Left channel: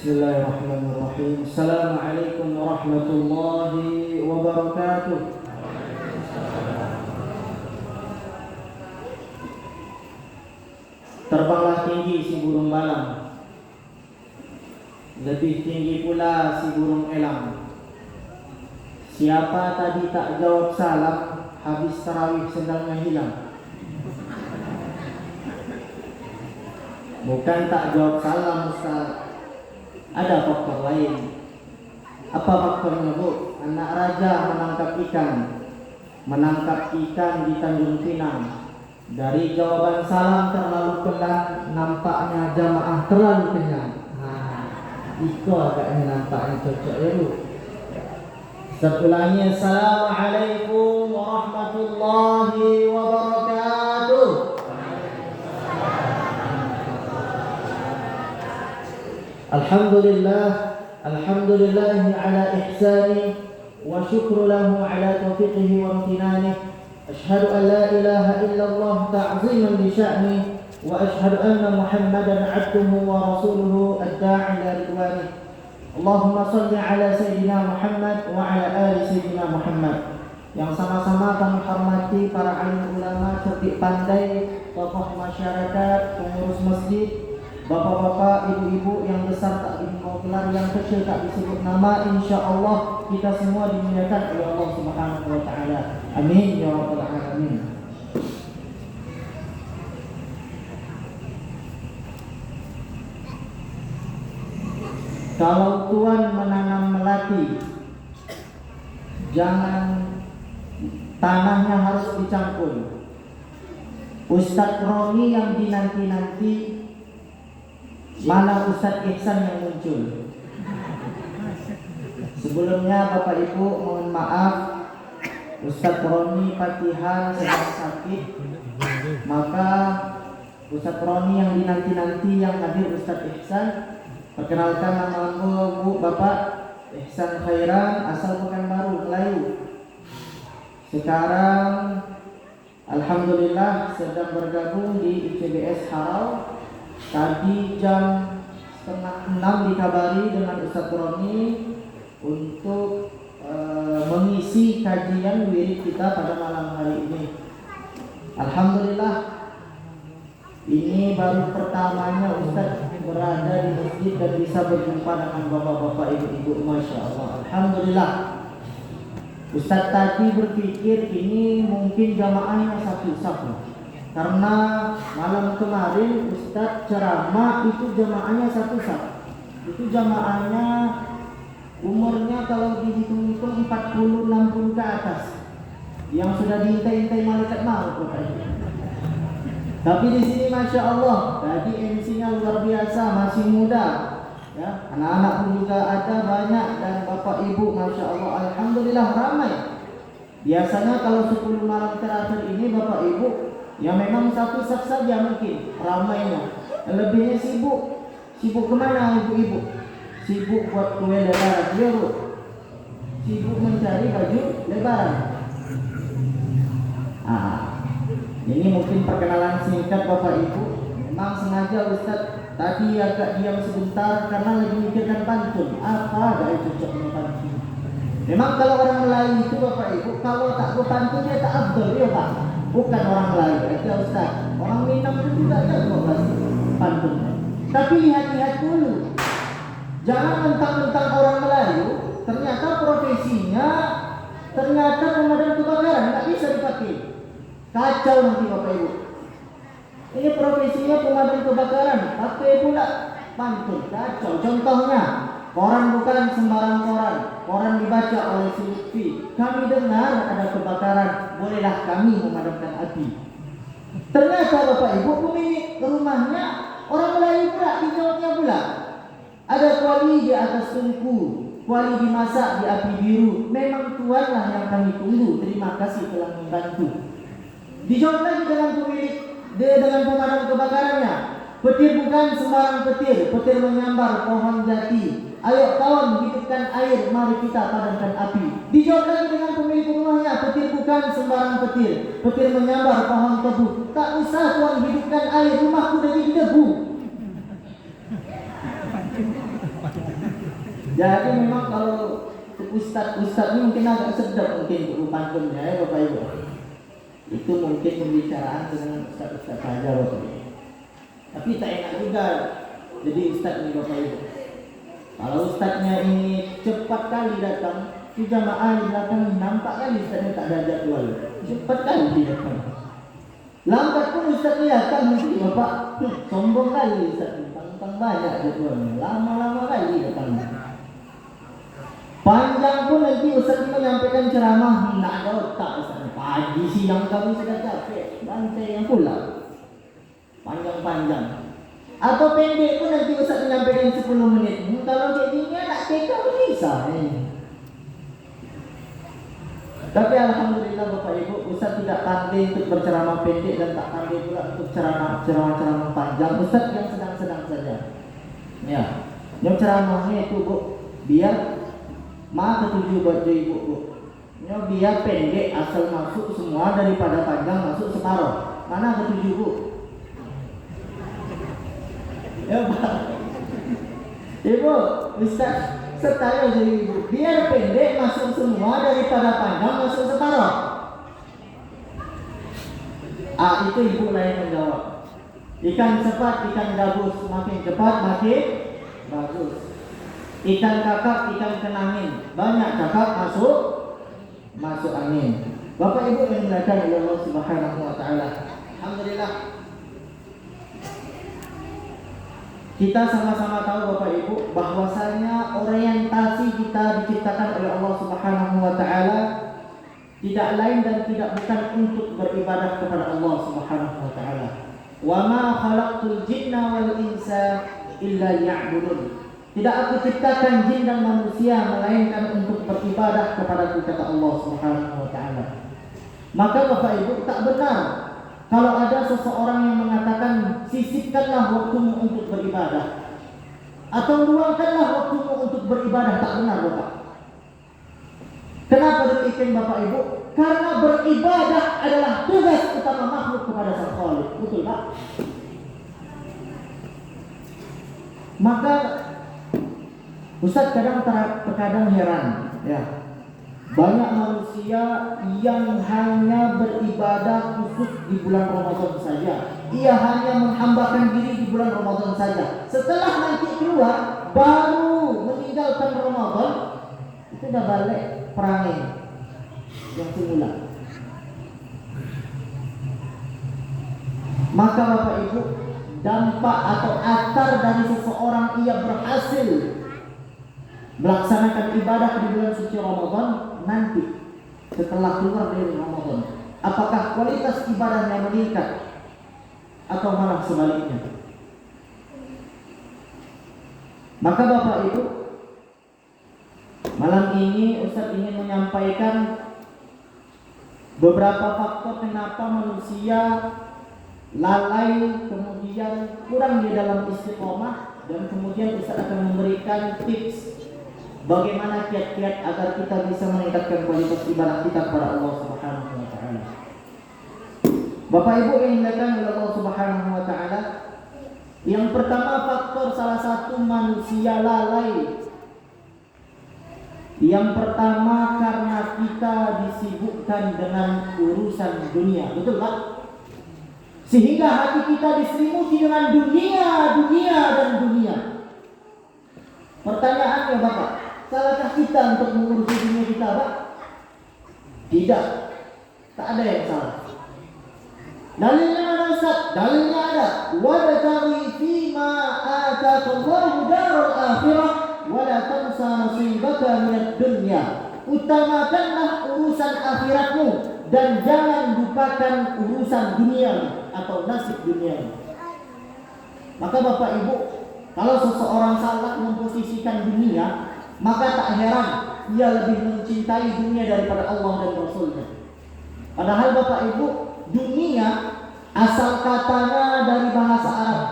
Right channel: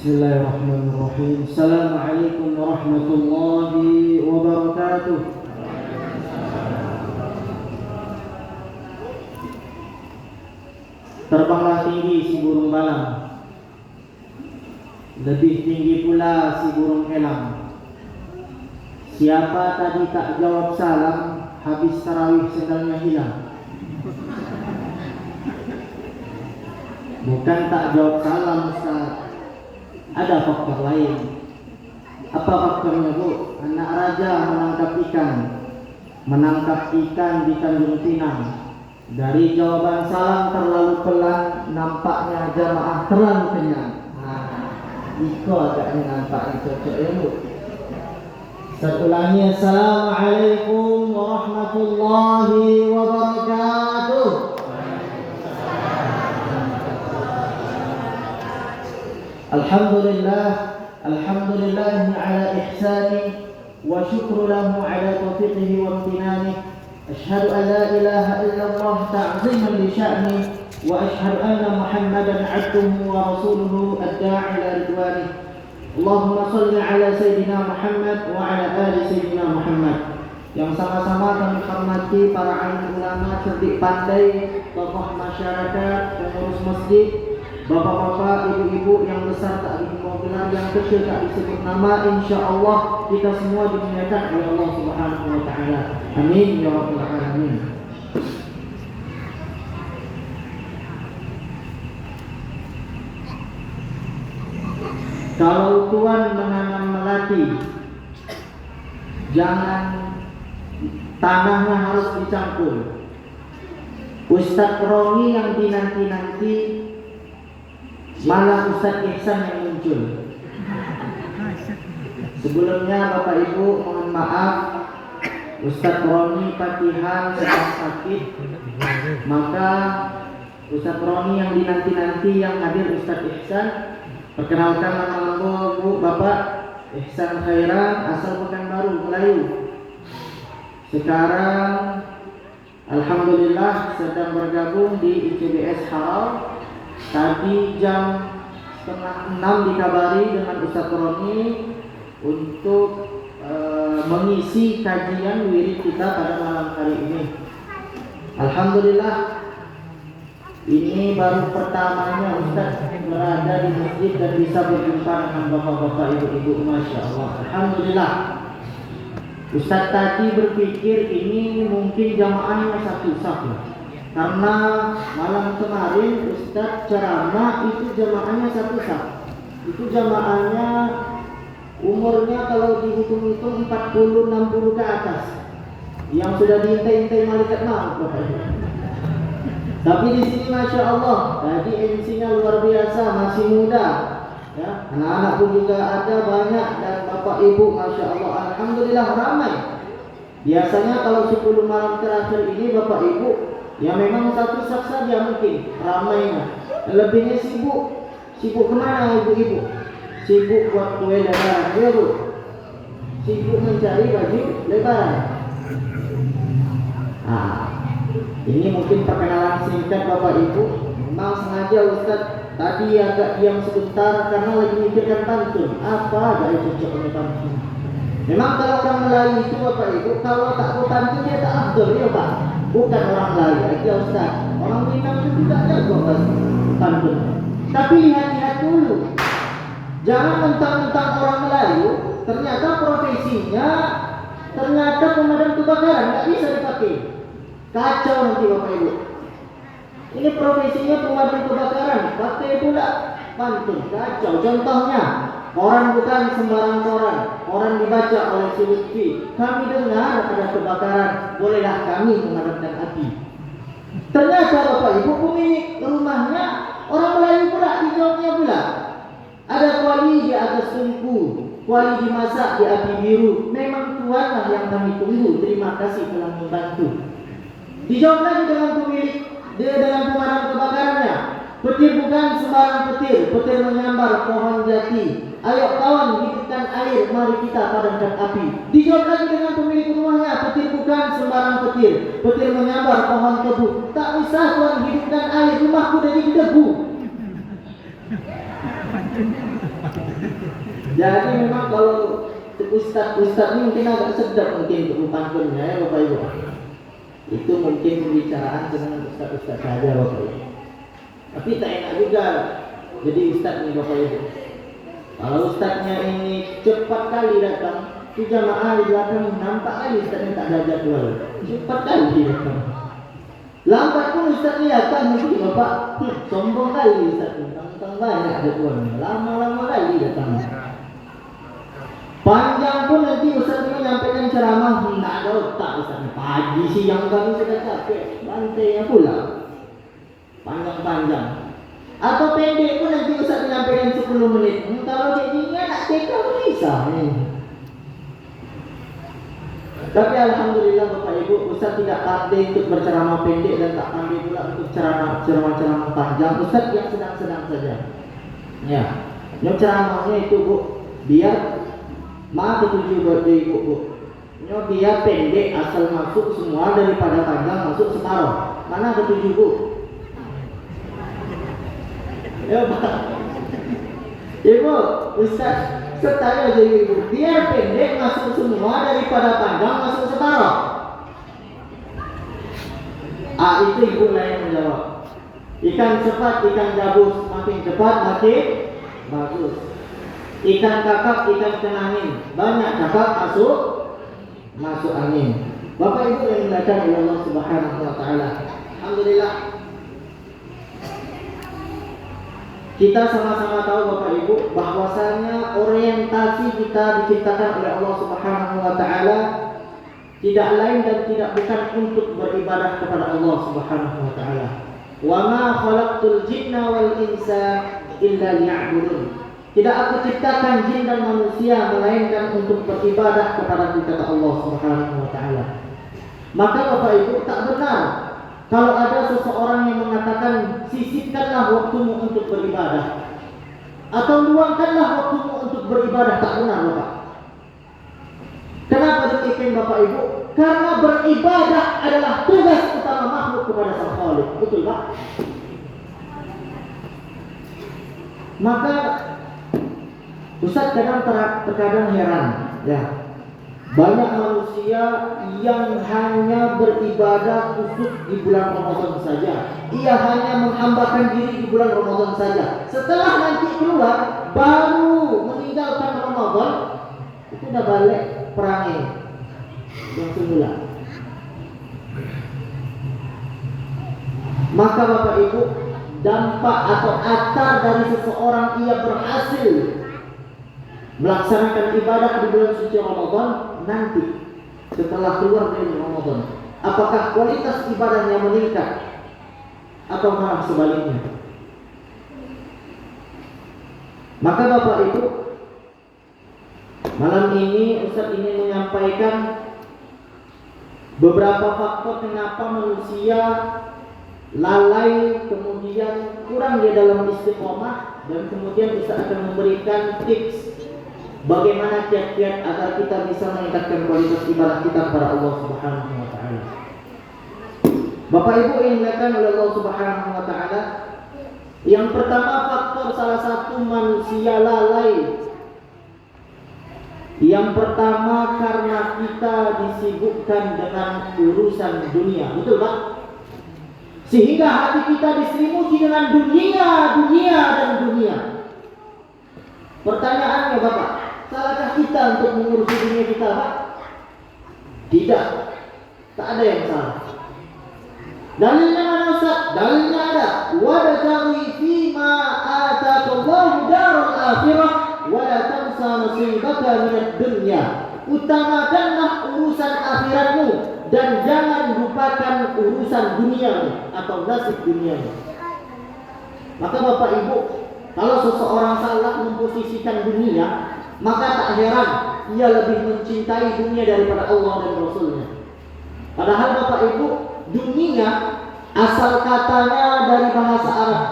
Bismillahirrahmanirrahim. Assalamualaikum warahmatullahi wabarakatuh. Terbanglah tinggi si burung galang, lebih tinggi pula si burung elang. Siapa tadi tak jawab salam, habis tarawih sendalnya hilang. Bukan tak jawab salam, Ustaz. Ada faktor lain. Apa faktornya, Bu? Anak raja menangkap ikan di Tanjung Pinang. Dari jawaban salam terlalu pelan, nampaknya jamaah terlalu kenyang. Itu agaknya nampaknya cocok ya, Bu. Seulangi, Assalamualaikum warahmatullahi wabarakatuh. Alhamdulillah ala ihsani wa syukru lahu ala taufiqihi wa amtinani. Ashhadu an la ilaha illallah ta'ziman li sya'ni wa ashhadu anna Muhammadan 'abduhu wa rasuluhu ad-da'i ila ridwani. Allahumma shalli ala sayyidina Muhammad wa ala ali sayyidina Muhammad. Yang sama-sama kami hormati para alim ulama, cerdik pandai, tokoh masyarakat, pengurus masjid, bapak-bapak, ibu-ibu yang besar tak dihimbau gelar, yang kecil tak disebut nama. InsyaAllah kita semua dimuliakan oleh Allah Subhanahu wa ta'ala. Amin ya rabbal alamin. Kalau Tuhan menanam melati, jangan tanahnya harus dicampur. Ustadz Roni yang dinanti-nanti, mana Ustadz Ihsan yang muncul. Sebelumnya Bapak Ibu mohon maaf, Ustadz Roni Patihan sedang sakit, maka Ustadz Roni yang dinanti-nanti yang hadir Ustadz Ihsan. Perkenalkan nama Bu Bapak Ihsan Khairan, asal Pekanbaru, Melayu. Sekarang alhamdulillah sedang bergabung di ICBS Haram. Tadi jam 5:30 dikabari dengan Ustadz Roni untuk mengisi kajian wirid kita pada malam hari ini. Alhamdulillah, ini baru pertamanya Ustadz berada di masjid dan bisa berjumpa dengan bapak-bapak, ibu-ibu. Masya Allah, alhamdulillah. Ustadz tadi berpikir ini mungkin jamaahnya satu-satu, karena malam kemarin Ustadz ceramah itu jamaahnya satu-satu. Itu jamaahnya umurnya kalau dihitung-hitung 40-60 ke atas, yang sudah diintai-intai malaikat maut. Tapi di sini Masya Allah, tadi MC-nya luar biasa, masih muda, ya. Anak-anak pun juga ada banyak, dan bapak ibu Masya Allah, alhamdulillah ramai. Biasanya kalau 10 malam terakhir ini bapak ibu, ya memang satu sak saja mungkin ramainya. Lebihnya sibuk. Sibuk kemana ibu-ibu? Sibuk buat kue lebaran, ya Bu. Sibuk mencari baju lebaran. Ini mungkin perkenalan singkat Bapak Ibu. Memang sengaja Ustaz tadi agak diam sebentar karena lagi mikirkan pantun. Apa ada cocok dengan pantun? Memang kalau orang Melayu itu Bapak Ibu, kalau tak mau pantun dia tak afdol, ya Pak. Bukan orang Melayu aja Ustaz. Orang Minang itu tidak jago pantun. Tapi lihat-lihat dulu. Jangan mentang-mentang orang Melayu, ternyata profesinya ternyata pemadam kebakaran, nggak bisa dipakai. Kacau nanti Bapak Ibu. Ini profesinya pemadam kebakaran, pakai pula pantun, kacau. Contohnya, koran bukan sembarang koran. Koran dibaca oleh si Lutfi. Kami dengar ada kebakaran, bolehlah kami memadamkan api. Ternyata Bapak Ibu pemilik rumahnya orang Melayu pula, dijawabnya pula. Ada kuali di atas tungku, kuali dimasak di api biru. Memang Tuhanlah yang kami tunggu, terima kasih telah membantu. Dijawab lagi dengan pemilik, dengan pemadam kebakarannya. Petir bukan sembarang petir, petir menyambar pohon jati. Ayo kawan, hidupkan air, mari kita padamkan api. Dijawab lagi dengan pemilik rumahnya, petir bukan sembarang petir, petir menyambar pohon tebu. Tak usah tuan hidupkan air, rumahku jadi debu. Jadi memang kalau ustaz ini mungkin agak sedap mungkin untuk pantunnya ya Bapak Ibu. Itu mungkin pembicaraan dengan ustaz saja Bapak Ibu. Tapi tak enak juga jadi ustaz ini Bapak Ibu. Kalau ustaznya ini cepat kali datang, itu jamaah di belakang nampak kali ustaznya tak ada jadwal. Cepat kali datang. Lambat pun ustaznya datang mesti Bapak. Sombong kali ustaz. Tentang banyak jadwalnya. Lama-lama kali datang. Panjang pun nanti ustaz ini menyampaikan ceramah, tidak ada otak ustaz. Pagi siang kami sudah capek, bantainya pula panjang-panjang. Atau pendek pun nanti ustaz menyampaikan 10 menit. Kalau kayak gini anak TK bisa. Tapi alhamdulillah Bapak Ibu, ustaz tidak pandai untuk berceramah pendek dan tak pandai pula untuk ceramah panjang. Ustaz yang sedang-sedang saja. Ya, yang ceramahnya itu Bu, biar ketujuh buat ibu Bu. Dia pendek asal masuk semua daripada panjang masuk separuh. Mana ketujuh Bu? Ya Pak. Ibu, Ustaz setara aja Ibu. Biar pendek masuk semua daripada panjang masuk separuh. Itu Ibu lain menjawab. Ikan cepat, ikan gabus, makin cepat makin bagus. Ikan kakap, ikan kenangin, banyak kakap masuk angin. Bapak Ibu yang dimuliakan oleh Allah Subhanahu wa taala. Alhamdulillah. Kita sama-sama tahu Bapak Ibu bahwasanya orientasi kita diciptakan oleh Allah Subhanahu wa taala tidak lain dan tidak bukan untuk beribadah kepada Allah Subhanahu wa taala. Wa ma khalaqtul jinna wal insa illa liya'budun. Tidak aku ciptakan jin dan manusia melainkan untuk beribadah kepada kata Allah Subhanahu wa taala. Maka Bapak Ibu tak benar kalau ada seseorang yang mengatakan sisipkanlah waktumu untuk beribadah atau luangkanlah waktumu untuk beribadah, tak benar Bapak. Kenapa demikian Bapak Ibu? Karena beribadah adalah tugas utama makhluk kepada Sang Khalik. Betul Pak? Maka Ustaz terkadang heran, ya. Banyak manusia yang hanya beribadah khusus di bulan Ramadan saja. Ia hanya menghambakan diri di bulan Ramadan saja. Setelah nanti keluar, baru meninggalkan Ramadan, itu sudah balik perangi yang semula. Maka Bapak Ibu, dampak atau akar dari seseorang ia berhasil melaksanakan ibadah di bulan suci Ramadan nanti setelah keluar dari Ramadan, apakah kualitas ibadahnya meningkat atau malah sebaliknya? Maka Bapak Ibu, malam ini Ustaz ingin menyampaikan beberapa faktor kenapa manusia lalai, kemudian kurang dia dalam istiqomah, dan kemudian Ustaz akan memberikan tips bagaimana kiat-kiat agar kita bisa meningkatkan kualitas ibadah kita kepada Allah Subhanahu wa taala. Bapak Ibu yang dimuliakan oleh Allah Subhanahu wa taala, yang pertama faktor salah satu manusia lalai. Yang pertama karena kita disibukkan dengan urusan dunia. Betul Pak? Sehingga hati kita diselimuti dengan dunia. Pertanyaannya Bapak, salahkah kita untuk mengurusi dunia kita Pak? Tidak. Tak ada yang salah. Dalilnya mana Ustaz? Dalilnya ada. Wabtaghi fima ataqallahu darul akhirah wa la tansa nasibaka minad dunya. Utamakanlah urusan akhiratmu dan jangan lupakan urusan duniamu atau nasib duniamu. Maka Bapak Ibu, kalau seseorang salah memposisikan dunia, maka tak heran ia lebih mencintai dunia daripada Allah dan Rasulnya. Padahal Bapak Ibu, dunia asal katanya dari bahasa Arab,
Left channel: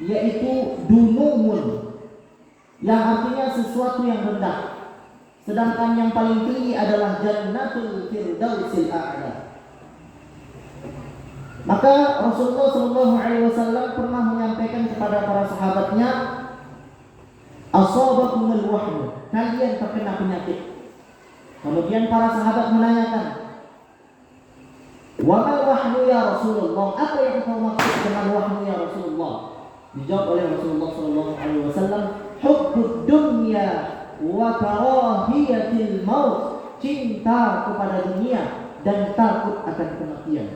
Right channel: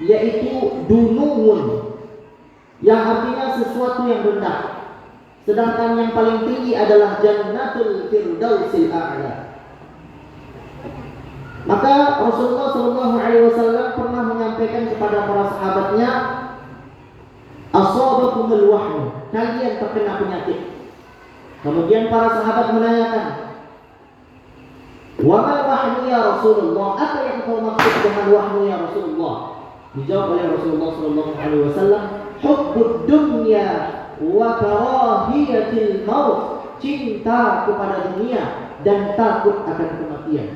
yaitu dunuun, yang artinya sesuatu yang rendah. Sedangkan yang paling tinggi adalah Jannatul Firdausil A'la. Maka Rasulullah SAW pernah menyampaikan kepada para sahabatnya, asabakumul wahyu, kalian terkena penyakit. Kemudian para sahabat menanyakan, wa ma wahyu ya Rasulullah, apa yang kau maksud dengan wahyu ya Rasulullah? Dijawab oleh Rasulullah sallallahu alaihi wasallam, hubbud dunya wa karahiyatil maut, cinta kepada dunia dan takut akan kematian.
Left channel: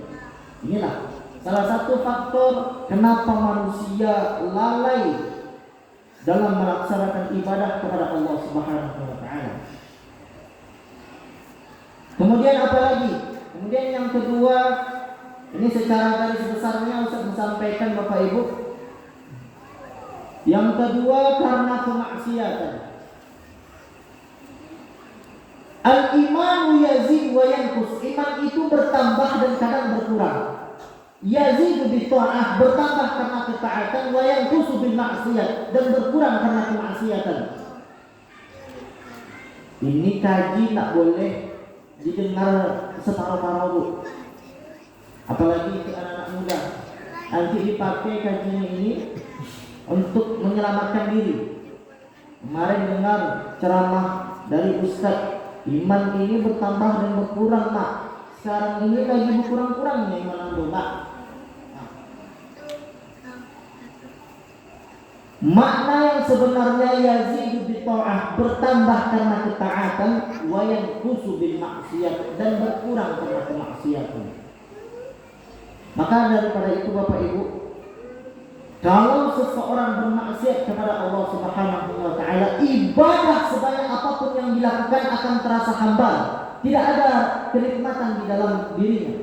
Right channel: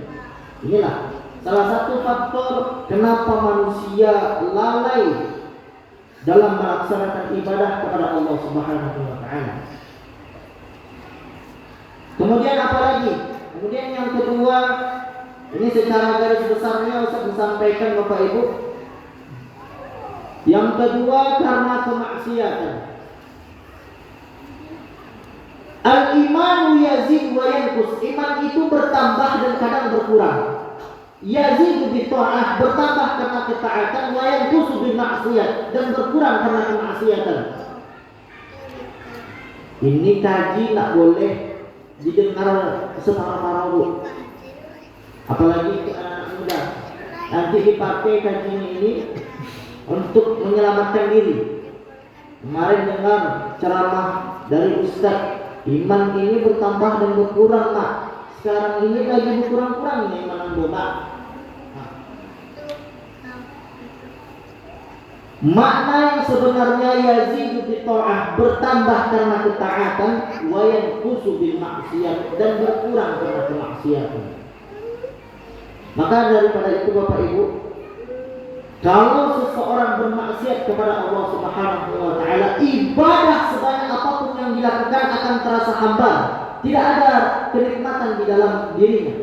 Inilah salah satu faktor kenapa manusia lalai dalam melaksanakan ibadah kepada Allah Subhanahu wa taala. Kemudian apa lagi? Kemudian yang kedua, ini secara garis besarnya Ustaz disampaikan Bapak Ibu. Yang kedua karena kemaksiatan. Al-imanu yazid wa yanqus. Iman itu bertambah dan kadang berkurang. Yazid bi ta'ah, bertambah karena ketaatan, wa yanqus bil maksiat, dan berkurang karena kemaksiatan. Ini kaji tak boleh didengar separuh-paruh, apalagi untuk anak muda. Nanti dipakai kajian ini untuk menyelamatkan diri. Kemarin dengar ceramah dari Ustaz, iman ini bertambah dan berkurang Pak. Sekarang ini lagi berkurang-kurangnya iman anggota. Makna yang sebenarnya yazidu bi ta'ah, bertambah karena ketaatan, wa yanqusu bil maksiat, dan berkurang karena kemaksiatan. Maka daripada itu Bapak Ibu, kalau seseorang bermaksiat kepada Allah Subhanahu wa taala, ibadah sebanyak apapun yang dilakukan akan terasa hambar, tidak ada kenikmatan di dalam dirinya.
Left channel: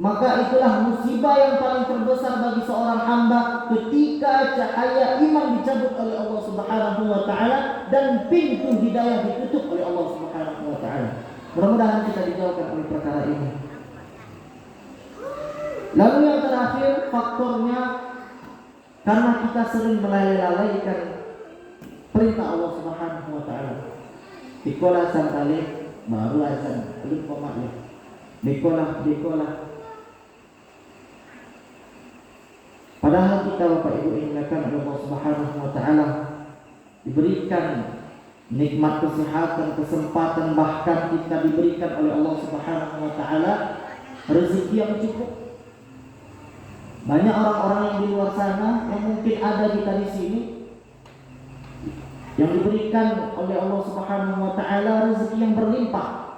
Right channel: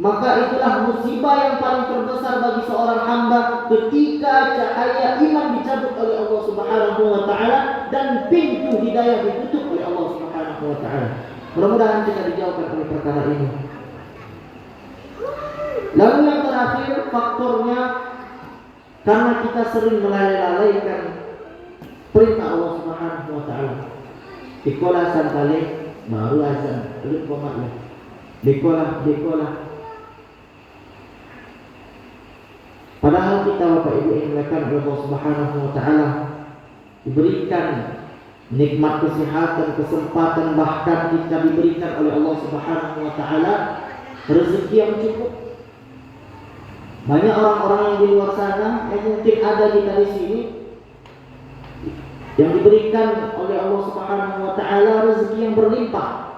Maka itulah musibah yang paling terbesar bagi seorang hamba ketika cahaya iman dicabut oleh Allah Subhanahu wa taala dan pintu hidayah ditutup oleh Allah Subhanahu wa taala. Mudah-mudahan kita dijauhkan oleh perkara ini. Lalu yang terakhir faktornya karena kita sering melalaikan perintah Allah Subhanahu wa taala. Dikola santale baru azan, belum koma. Dikola. Padahal kita Bapak Ibu yang dimuliakan oleh Allah Subhanahu wa taala diberikan nikmat kesehatan, kesempatan, bahkan kita diberikan oleh Allah Subhanahu wa taala rezeki yang cukup. Banyak orang-orang yang di luar sana yang mungkin ada kita di sini yang diberikan oleh Allah Subhanahu wa taala rezeki yang berlimpah.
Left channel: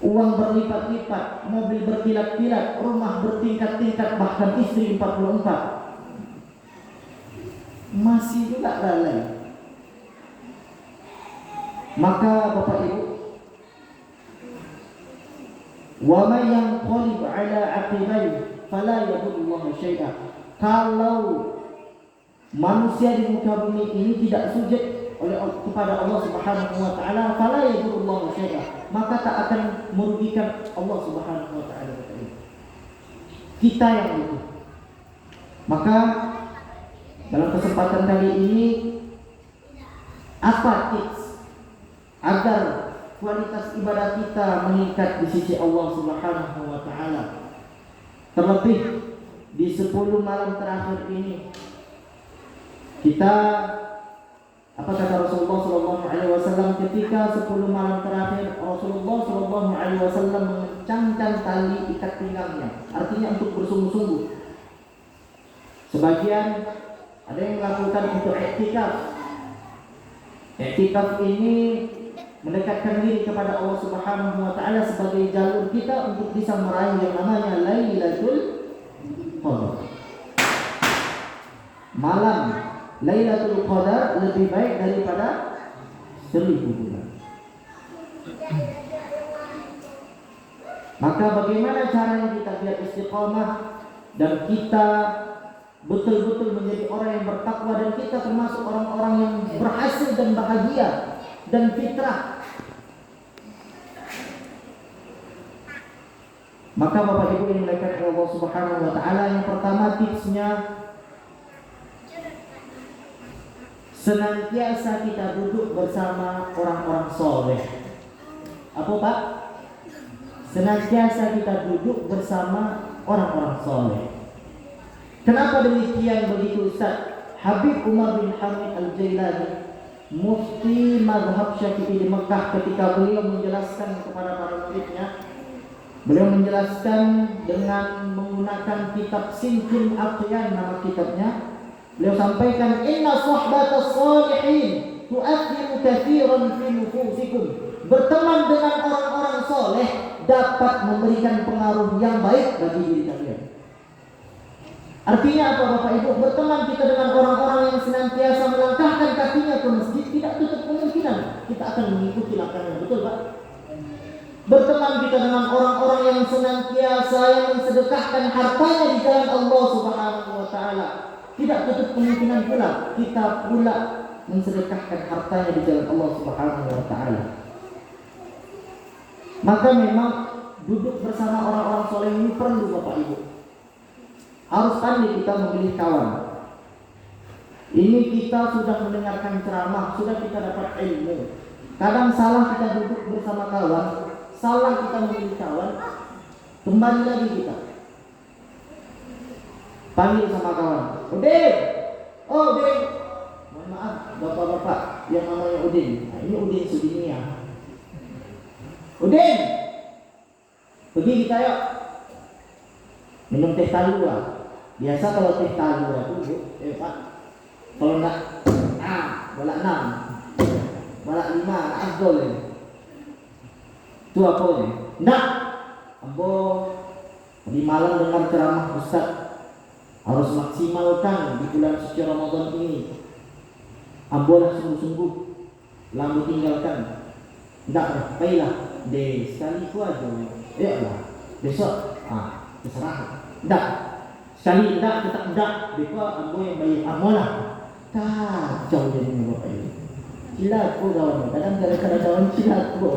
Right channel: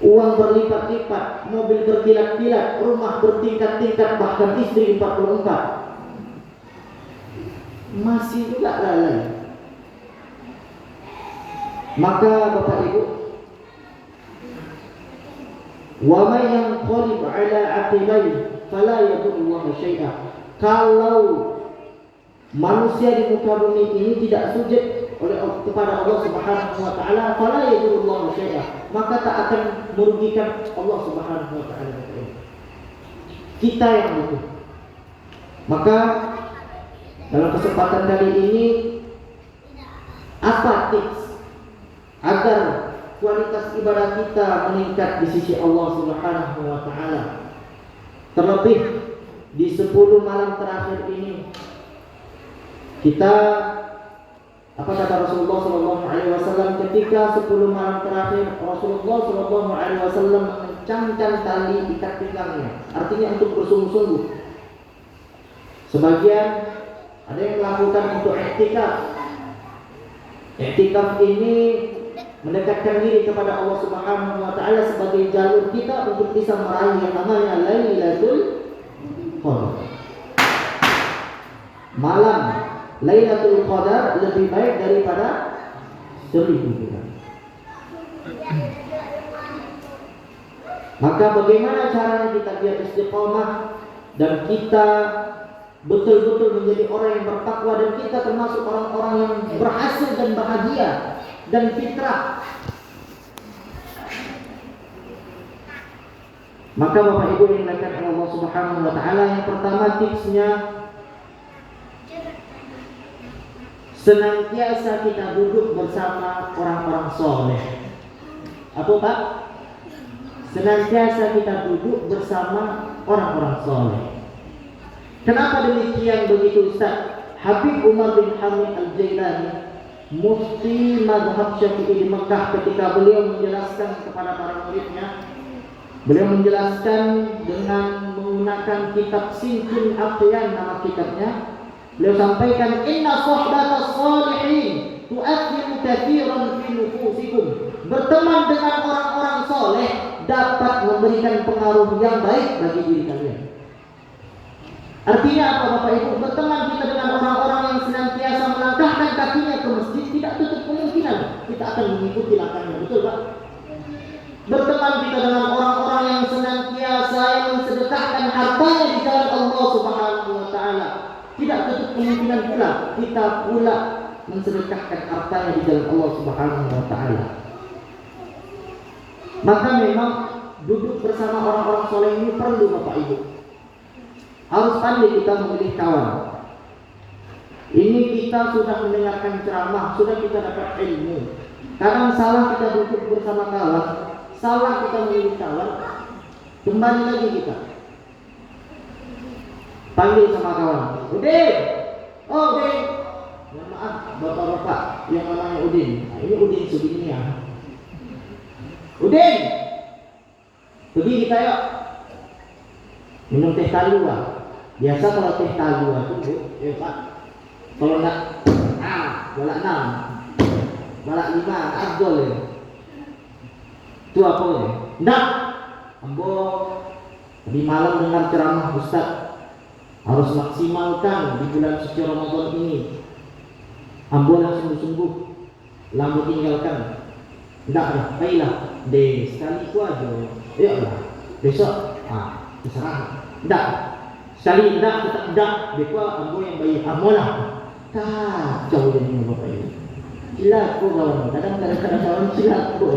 Uang berlipat-lipat, mobil berkilat-kilat, rumah bertingkat-tingkat, bahkan istri 44. Masih juga lalai. Maka Bapak Ibu, wa may yanqalib ala aqibai fala yadurru syai'a. Kalau manusia di muka bumi ini tidak sujud kepada Allah Subhanahu wa taala, fala yadurru syai'a, maka tak akan merugikan Allah Subhanahu wa taala. Kita yang butuh. Maka dalam kesempatan kali ini, apa tips agar kualitas ibadah kita meningkat di sisi Allah Subhanahu wa taala? Terlebih di 10 malam terakhir ini, kita, apa kata Rasulullah sallallahu alaihi wasallam ketika 10 malam terakhir, Rasulullah sallallahu alaihi wasallam mengencangkan tali ikat pinggangnya, artinya untuk bersungguh-sungguh. Sebagian ada yang melakukan untuk i'tikaf. I'tikaf ini mendekatkan diri kepada Allah Subhanahu wa taala sebagai jalur kita untuk bisa meraih yang namanya Lailatul Qadar. Malam Lailatul Qadar lebih baik daripada 1000 bulan. Maka bagaimana caranya kita biar istiqomah dan kita betul-betul menjadi orang yang bertakwa, dan kita termasuk orang-orang yang berhasil dan bahagia dan fitrah. Maka Bapak Ibu yang dimuliakan Allah Subhanahu wa taala, yang pertama tipsnya, senantiasa kita duduk bersama orang-orang soleh. Apa Pak? Senantiasa kita duduk bersama orang-orang soleh. Kenapa demikian begitu Ustaz? Habib Umar bin Hamid Al-Jailani, mufti mazhab Syafi'i di Mekah, ketika beliau menjelaskan kepada para muridnya, beliau menjelaskan dengan menggunakan kitab Sinjil Aqyan, nama kitabnya. Beliau sampaikan, inna sohbatas salihin tu'athiru kathiran fi nufusikum. Berteman dengan orang-orang soleh dapat memberikan pengaruh yang baik bagi diri kalian. Artinya apa Bapak Ibu? Berteman kita dengan orang-orang yang senantiasa melangkahkan kakinya ke masjid, tidak tutup kemungkinan kita akan mengikuti langkahnya. Betul Pak? Berteman kita dengan orang-orang yang senantiasa yang mensedekahkan hartanya di jalan Allah Subhanahu wa taala, tidak tutup kemungkinan pula kita pula mensedekahkan hartanya di jalan Allah Subhanahu wa taala. Maka memang duduk bersama orang-orang soleh ini perlu Bapak Ibu. Harus pandai kita memilih kawan. Ini kita sudah mendengarkan ceramah, sudah kita dapat ilmu. Kadang salah kita duduk bersama kawan, salah kita memilih kawan, kembali lagi kita panggil sama kawan, Udin, oh Udin, maaf bapak-bapak yang namanya Udin. Nah, ini Udin Sudinia. Udin, pergi kita yuk minum teh talua. Biasa kalau teh talua itu Pak, kalau enggak bolak 6, bolak 5 afdol ya. Itu apa ya? Enggak. Ambo di malam dengar ceramah Ustaz, harus maksimalkan di bulan suci Ramadan ini. Ambo lah sungguh-sungguh, lambo tinggalkan. Enggak, baiklah. Deh sekali itu aja. Ya lah. Besok, terserah. Enggak. Sekali enggak, tetap enggak. Besok ambo yang baik. Ambo lah. Kacau jadinya Bapak Ibu. Cilat ko kawan. Kadang-kadang kawan cilat ko.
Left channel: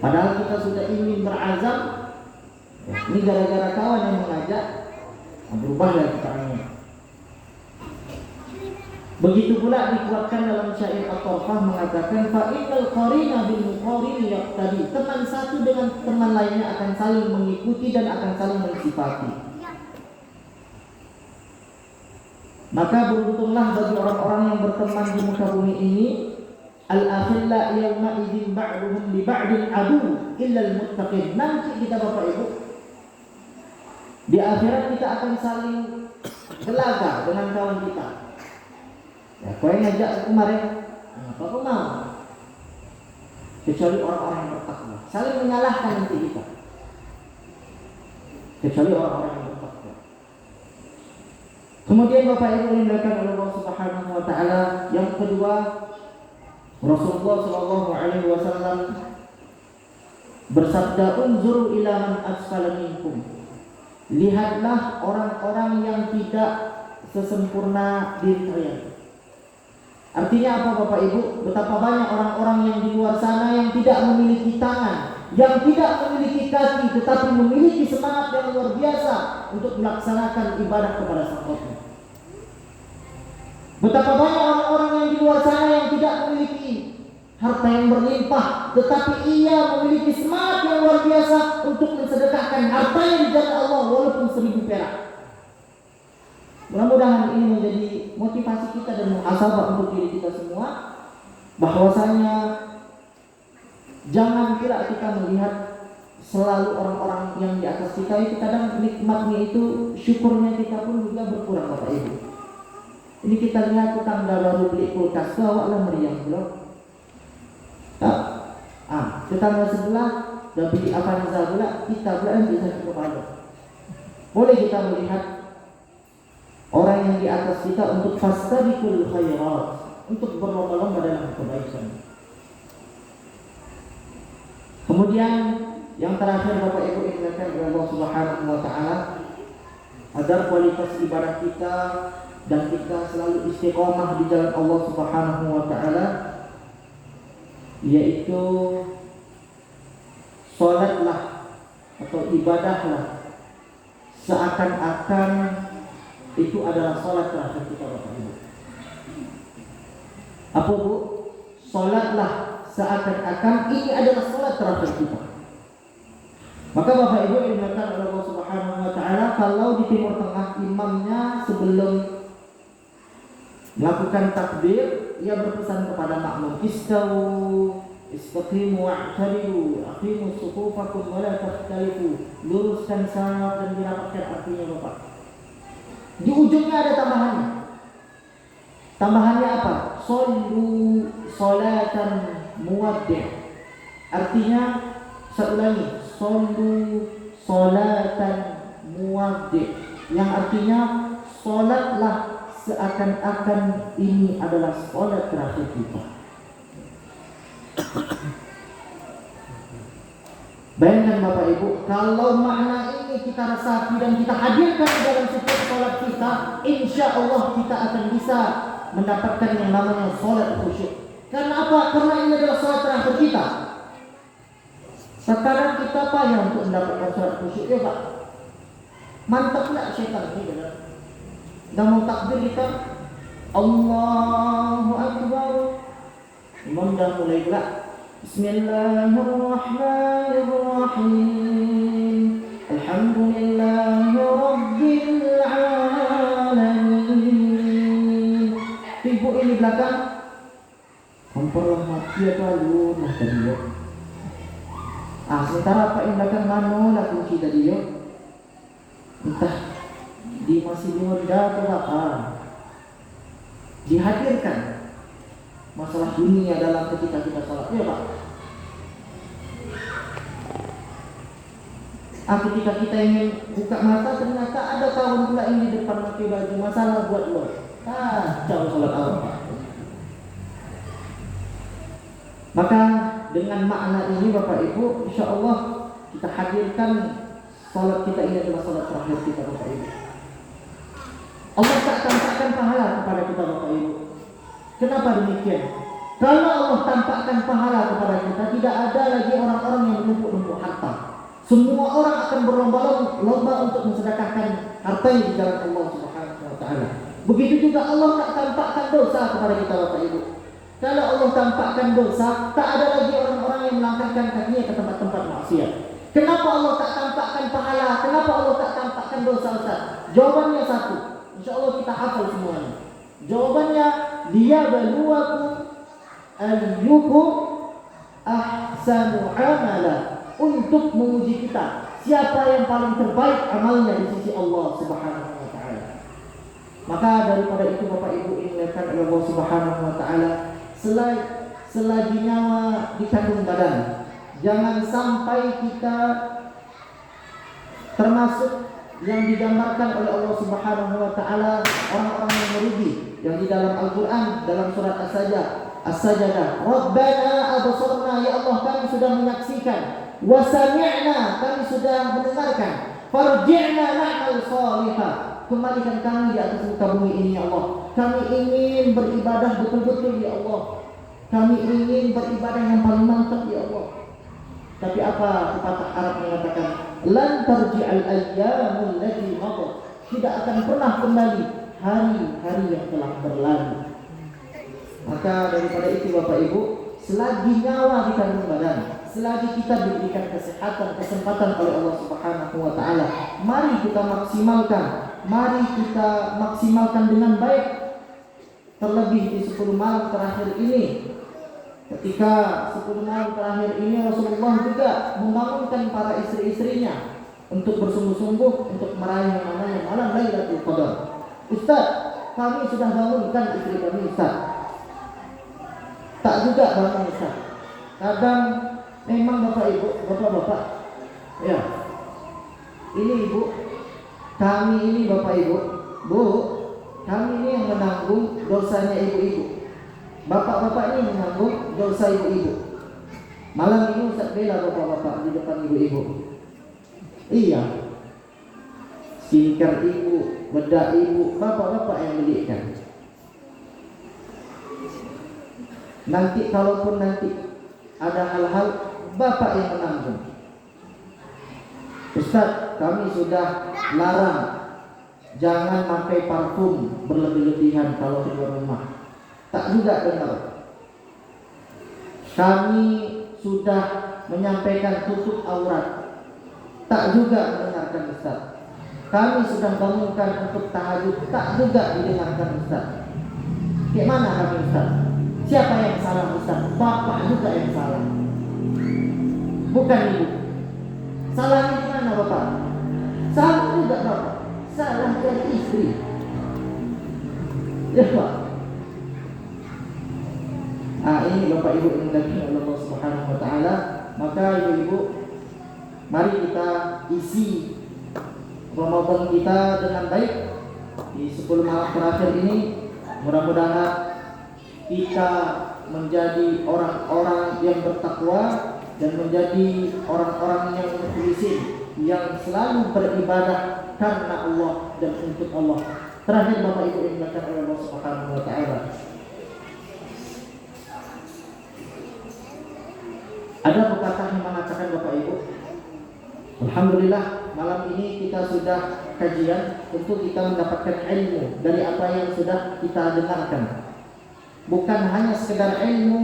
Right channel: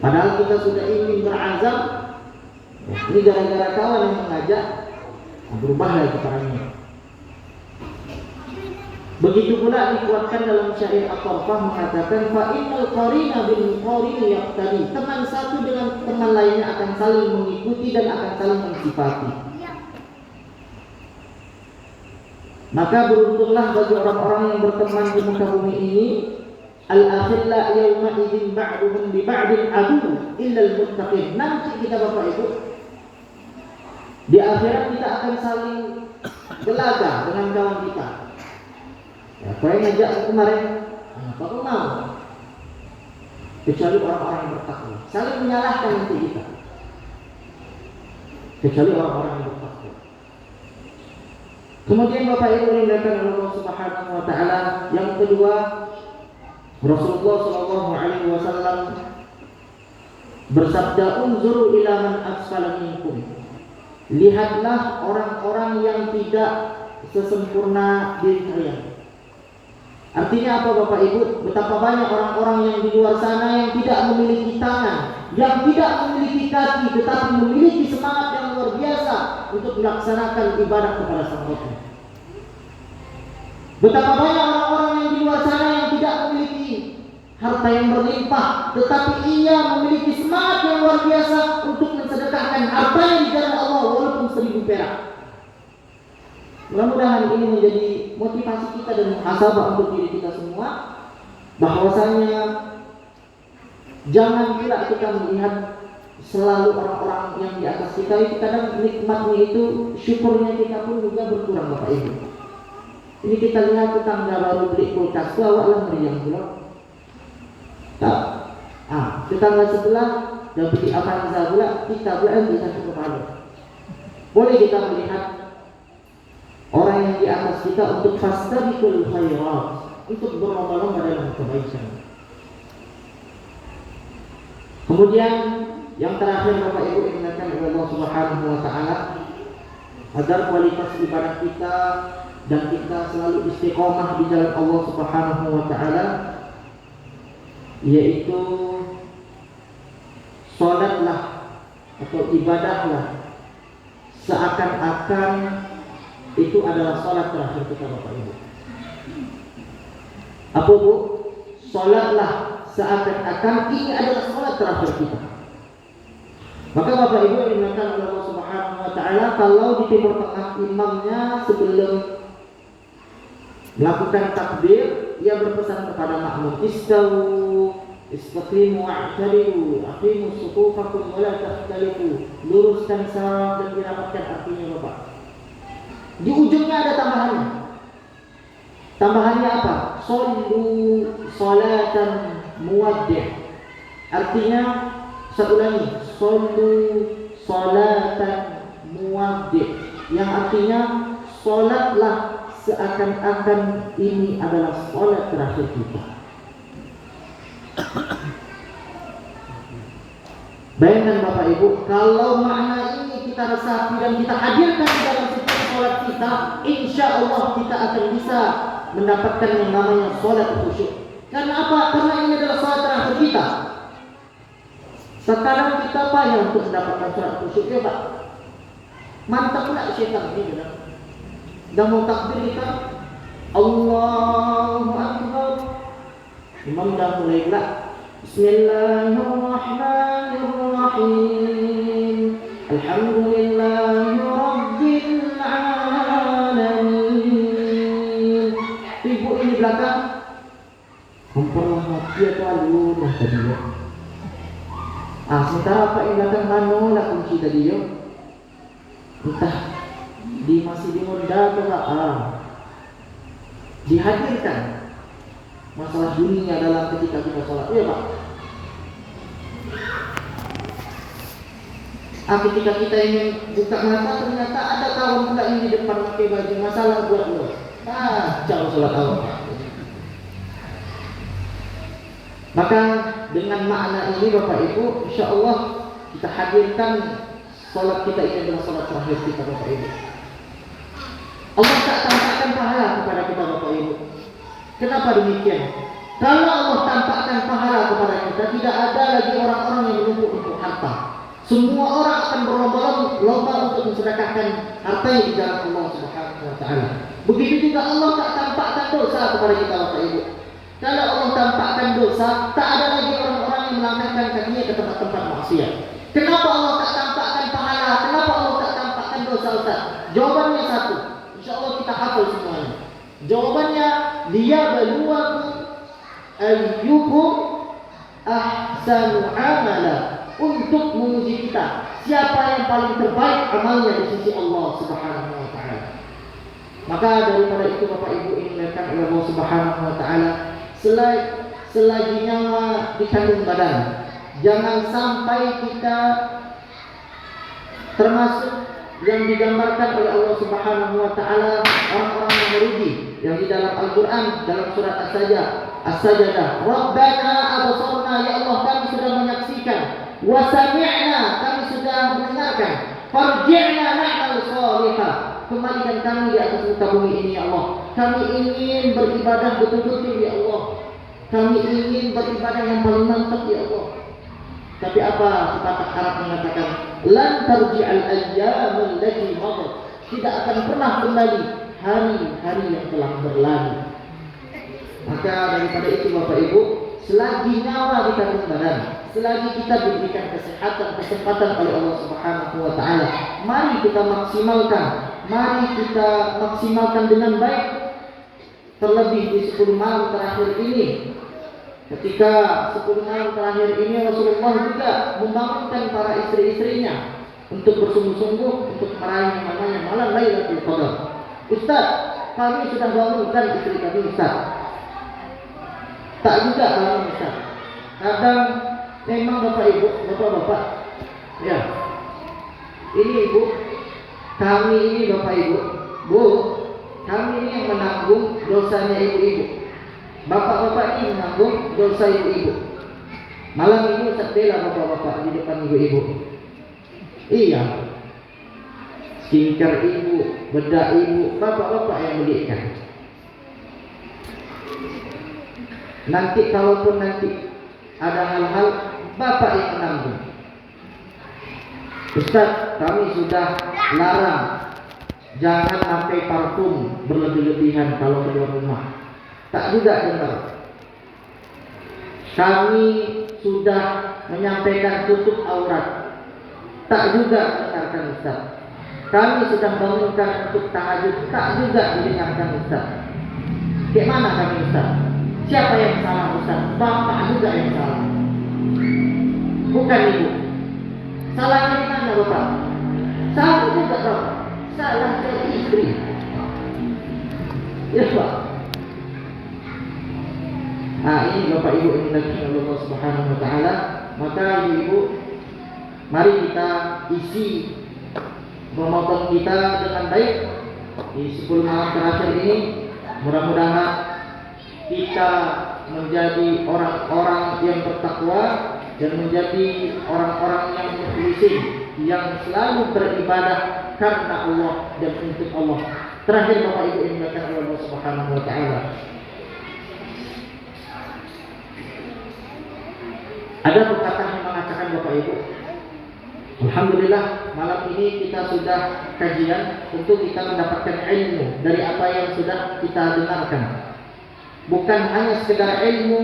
Padahal kita sudah ingin berazam, ini gara-gara kawan yang mengajak, berubahlah caranya. Begitu pula dikuatkan dalam syair At-Tarfah mengatakan, fa innal qarina bil qarini yaqtadi. Teman satu dengan teman lainnya akan saling mengikuti dan akan saling mensifati. Maka beruntunglah bagi orang-orang yang berteman di muka bumi ini. Al-akhilla yawma idzin ba'duhum li ba'din adu illa al-muttaqin. Nanti kita Bapak Ibu di akhirat kita akan saling gelaga dengan kawan kita. Ya, kau yang ngajak kemarin, apa mau? Kecuali orang-orang yang bertakwa. Saling menyalahkan nanti kita. Kecuali orang-orang yang bertakwa. Kemudian Bapak Ibu dimuliakan oleh Allah Subhanahu wa taala, yang kedua, Rasulullah sallallahu alaihi wasallam bersabda, "Unzuru ila man asfala minkum." Lihatlah orang-orang yang tidak sesempurna diri kalian. Artinya apa Bapak Ibu? Betapa banyak orang-orang yang di luar sana yang tidak memiliki tangan, yang tidak memiliki kaki, tetapi memiliki semangat yang luar biasa untuk melaksanakan ibadah kepada Sang Tuhan. Betapa banyak orang-orang yang di luar sana yang tidak memiliki harta yang berlimpah, tetapi ia memiliki semangat yang luar biasa untuk mensedekahkan hartanya di jalan Allah walaupun 1000 perak. Mudah-mudahan ini menjadi motivasi kita dan muhasabah untuk diri kita semua, bahwasanya jangan pula kita melihat selalu orang-orang yang di atas kita itu kadang nikmatnya itu, syukurnya kita pun juga berkurang Bapak Ibu. Ini kita lihat tetangga baru beli kulkas, bawalah meriam pula. Tetangga sebelah dan beli Avanza pula, kita pula bisa berpahala. Boleh kita melihat orang yang di atas kita untuk fastabiqul khairat, untuk berlomba-lomba dalam kebaikan. Kemudian yang terakhir Bapak Ibu dimuliakan oleh Allah Subhanahu wa taala, agar kualitas ibadah kita dan kita selalu istiqomah di jalan Allah Subhanahu wa taala, yaitu salatlah atau ibadahlah seakan-akan itu adalah salat terakhir kita Bapak Ibu. Apa Bu? Salatlah seakan-akan ini adalah salat terakhir kita. Maka Bapak Ibu yang dimuliakan oleh Allah Subhanahu wa taala, kalau di timur tengah imamnya sebelum melakukan takbir, ia berpesan kepada makmum, istawu istaqimu wa'tadilu aqimu sufufakum wa la takhtalifu. Luruskan saf dan dirapatkan. Artinya Bapak, di ujungnya ada tambahannya. Tambahannya apa? Shollu sholatan muwaddi'. Artinya, saya ulangi, shollu sholatan muwaddi', yang artinya sholatlah seakan-akan ini adalah sholat terakhir kita. Bayangkan Bapak Ibu, kalau makna ini kita resapi dan kita hadirkan dalam setiap sholat kita, insya Allah kita akan bisa mendapatkan yang namanya sholat khusyuk. Karena apa? Karena ini adalah sholat terakhir kita. Sekarang kita payah untuk mendapatkan sholat khusyuk, ya Pak. Mantap pula syaitan ini, kan? Dan mau takbir kita, Allahu Akbar, imam dah mulai gelap. Bismillahirrahmanirrahim. Alhamdulillahi Rabbil Alamin. Ibu ini belakang memperhati terlalu dah tadi ya. Sementara Pak yang belakang mana lah kunci tadi ya. Entah masih dimenda atau dihadirkan masalah dunia dalam ketika kita sholat, ya Pak. Ketika kita ingin buka mata, ternyata ada kawan pula yang di depan pakai baju, masalah buat lo. Kacau sholat awal, Pak. Maka dengan makna ini Bapak Ibu, insya Allah kita hadirkan sholat kita ini adalah sholat terakhir kita, Bapak Ibu. Allah tak tampakkan pahala kepada kita, Bapak Ibu. Kenapa demikian? Kalau Allah tampakkan pahala kepada kita, tidak ada lagi orang-orang yang menuntut harta. Semua orang akan berlomba-lomba untuk mensedekahkan hartanya di jalan Allah Subhanahu wa taala. Begitu juga Allah tak tampakkan dosa kepada kita, Bapak Ibu. Kalau Allah tampakkan dosa, tak ada lagi orang-orang yang melangkahkan kakinya ke tempat-tempat maksiat. Kenapa Allah tak tampakkan pahala? Kenapa Allah tak tampakkan dosa, Ustaz? Jawabannya satu. Insya Allah kita hafal semuanya. Jawabannya, liyabluwakum ayyukum ahsanu amala, untuk menguji kita siapa yang paling terbaik amalnya di sisi Allah Subhanahu wa taala. Maka daripada itu Bapak Ibu dimuliakan oleh Allah Subhanahu wa taala, selagi nyawa di kandung badan, jangan sampai kita termasuk yang digambarkan oleh Allah Subhanahu wa taala orang-orang yang merugi yang di dalam Al-Qur'an dalam surat As-Sajdah, Rabbana absarna, ya Allah kami sudah menyaksikan, wa sami'na kami sudah mendengarkan, farji'na na'mal salihah, kembalikan kami di atas muka bumi ini ya Allah. Kami ingin beribadah betul-betul ya Allah. Kami ingin beribadah yang paling mantap ya Allah. Tapi apa kita Arab mengatakan, lan tarji'al ayyamul lati madat, tidak akan pernah kembali hari-hari yang telah berlalu. Maka daripada itu Bapak Ibu, selagi nyawa di kandung badan, selagi kita diberikan kesehatan, kesempatan oleh Allah Subhanahu wa taala, mari kita maksimalkan dengan baik. Terlebih di 10 malam terakhir ini. Ketika 10 malam terakhir ini Rasulullah juga membangunkan para istri-istrinya untuk bersungguh-sungguh untuk meraih yang namanya malam Lailatul Qadar. Ustaz, kami sudah bangunkan istri kami, Ustaz. Tak juga bangun, Ustaz. Kadang memang Bapak Ibu, Bapak-bapak, ya. Ini Ibu, kami ini Bapak Ibu, Bu, kami ini yang menanggung dosanya ibu-ibu. Bapak-bapak ini menanggung dosa ibu-ibu. Malam ini Ustaz bela bapak-bapak di depan ibu-ibu. Iya, skincare ibu, bedak ibu, bapak-bapak yang belikan. Nanti kalaupun nanti ada hal-hal, bapak yang menanggung. Ustaz, kami sudah larang jangan pakai parfum berlebih-lebihan kalau keluar rumah. Tak juga dengar. Kami sudah menyampaikan tutup aurat. tak juga mendengarkan Ustaz. Kami sedang bangunkan untuk tahajud, tak juga didengarkan Ustaz. Bagaimana kami Ustaz? Siapa yang salah Ustaz? Bapak juga yang salah, bukan ibu. Salahnya di mana Bapak? Salah juga Bapak. Salah dari istri. Ya Pak. Nah ini Bapak Ibu yang dimuliakan oleh Allah Subhanahu Wa Taala. Maka ibu-ibu, mari kita isi Ramadan kita dengan baik di 10 malam terakhir ini. Mudah-mudahan kita menjadi orang-orang yang bertakwa dan menjadi orang-orang yang mukhlisin, yang selalu beribadah karena Allah dan untuk Allah. Terakhir Bapak Ibu yang dimuliakan oleh Allah Subhanahu Wa Taala, ada perkataan yang mengatakan Bapak Ibu, alhamdulillah malam ini kita sudah kajian untuk kita mendapatkan ilmu dari apa yang sudah kita dengarkan. Bukan hanya sekedar ilmu,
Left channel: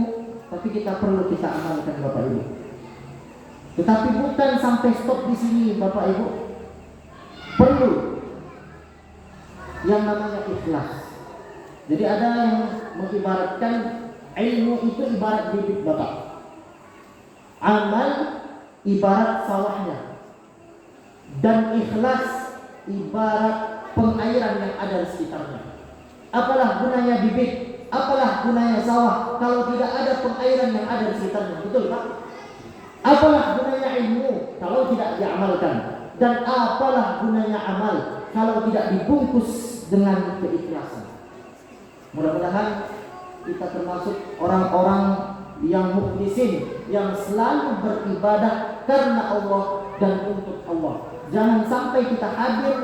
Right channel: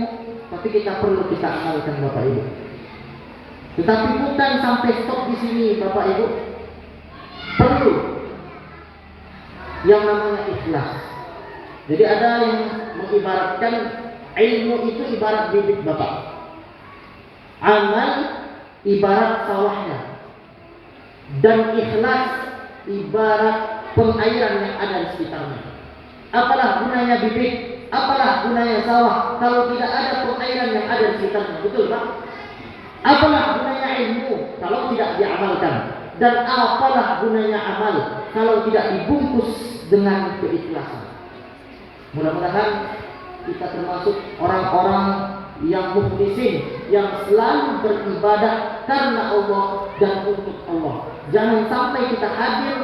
tapi kita perlu kita amalkan Bapak Ibu. Tetapi bukan sampai stop di sini Bapak Ibu. Perlu yang namanya ikhlas. Jadi ada yang mengibaratkan ilmu itu ibarat bibit Bapak. Amal ibarat sawahnya. Dan ikhlas ibarat pengairan yang ada di sekitarnya. Apalah gunanya bibit, apalah gunanya sawah kalau tidak ada pengairan yang ada di sekitarnya, betul Pak? Apalah gunanya ilmu kalau tidak diamalkan, dan apalah gunanya amal kalau tidak dibungkus dengan keikhlasan. Mudah-mudahan kita termasuk orang-orang yang mukhlisin, yang selalu beribadah karena Allah dan untuk Allah. Jangan sampai kita hadir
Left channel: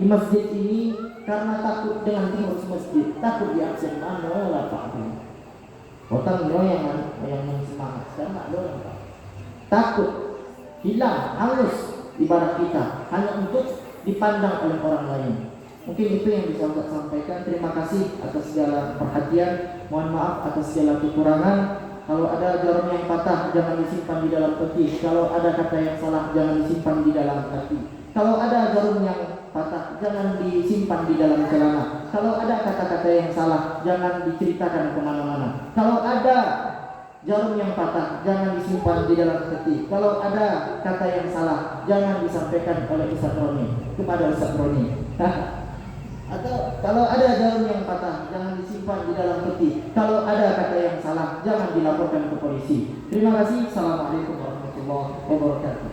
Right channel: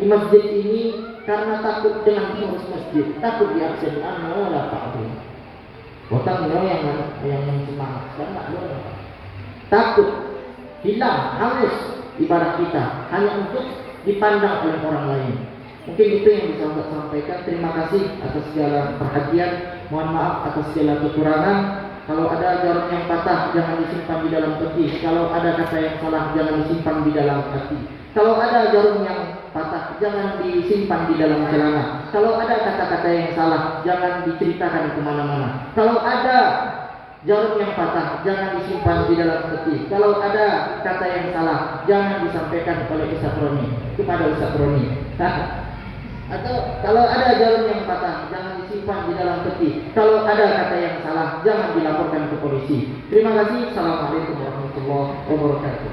di masjid ini karena takut dengan pengurus masjid, takut diabsen lah Pak. Bukan yang semangat, karena takut hilang, hangus ibadah kita hanya untuk dipandang oleh orang lain. Mungkin itu yang bisa saya sampaikan. Terima kasih atas segala perhatian. Mohon maaf atas segala kekurangan. Kalau ada jarum yang patah, jangan disimpan di dalam peti. Kalau ada kata yang salah, jangan disimpan di dalam hati. Kalau ada jarum yang patah, jangan disimpan di dalam celana. Kalau ada kata-kata yang salah, jangan diceritakan kemana-mana. Kalau ada jarum yang patah, jangan disimpan di dalam peti. Kalau ada kata yang salah, jangan disampaikan oleh Ustaz Roni kepada Ustaz Roni. Atau kalau ada jarum yang patah, jangan disimpan di dalam peti. Kalau ada kata yang salah, jangan dilaporkan ke polisi. Terima kasih. Assalamualaikum warahmatullahi wabarakatuh.